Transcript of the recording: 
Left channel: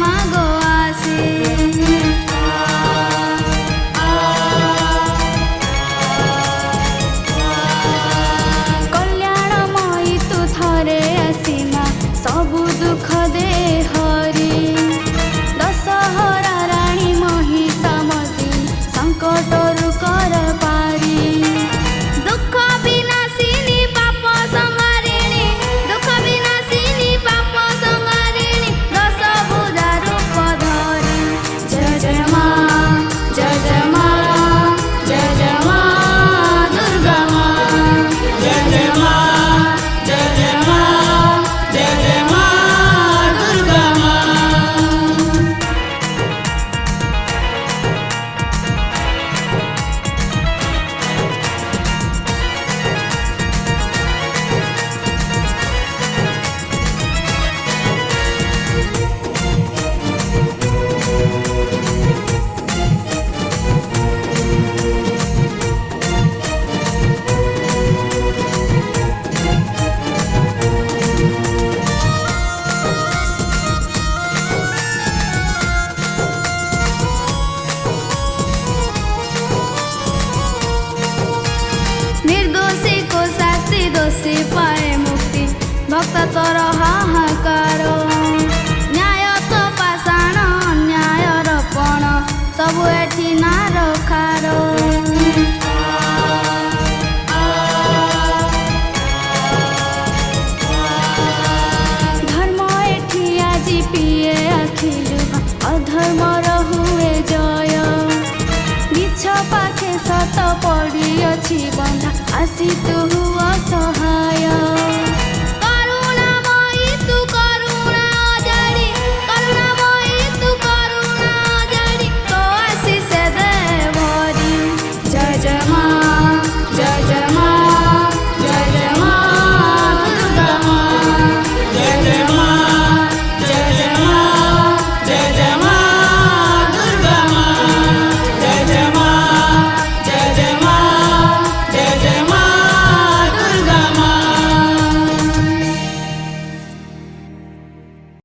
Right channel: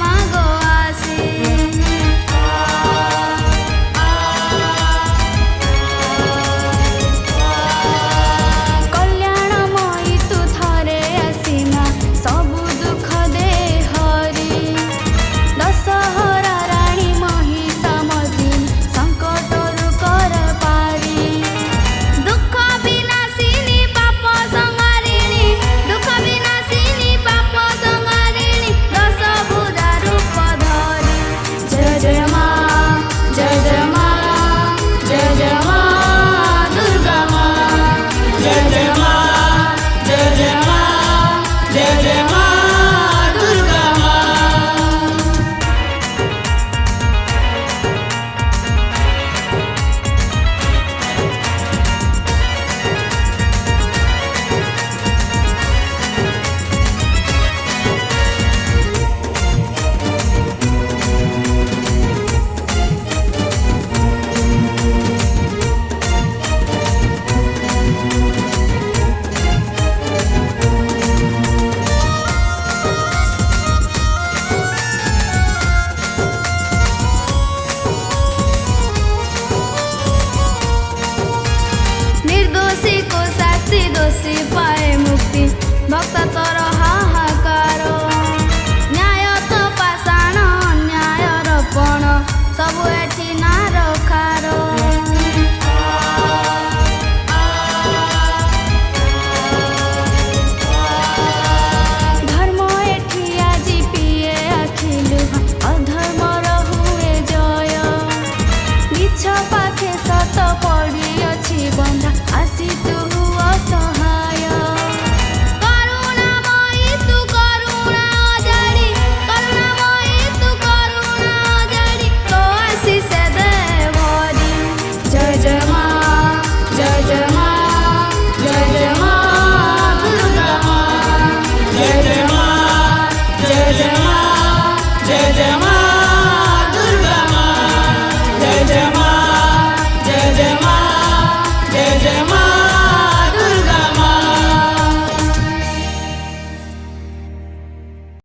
ମାଗ ଆସେ। କଲ୍ୟାଣମୟୀ ତୁ ଥରେ ଆସି ମା ସବୁ ଦୁଃଖ ଦେ ହରି। ଦଶହରା ରାଣୀ ମହିଷାମର୍ଦିନୀ ସଂକଟରୁ କର ପାରି। ଦୁଃଖ ବିନାଶିନୀ ପାପ ସଂହାରିଣୀ ଦୁଃଖ ବିନାଶିନୀ ପାପ ସଂହାରିଣୀ ଦଶ ଭୁଜା ରୂପ ଧରି। ଜୟ ଜୟ ମା ଜୟ ଜୟ ମା ଜୟ ଜୟ ମା ଦୁର୍ଗା ମା। ଜୟ ଜୟ ମା ଜୟ ଜୟ ମା ଜୟ ଜୟ ମା ଦୁର୍ଗା ମା। निर्दोषी को शास्ति दोषी पाए मुक्ति भक्त तोर हाहाकार। न्याय तो पाषाण अन्याय रपण सबु एठी नार खार। धर्म एठी आजी पिए आखिलु अधर्मर हुए जय। मिछ पाखे सत पड़ी अछि बंधा आसी तु असहाय।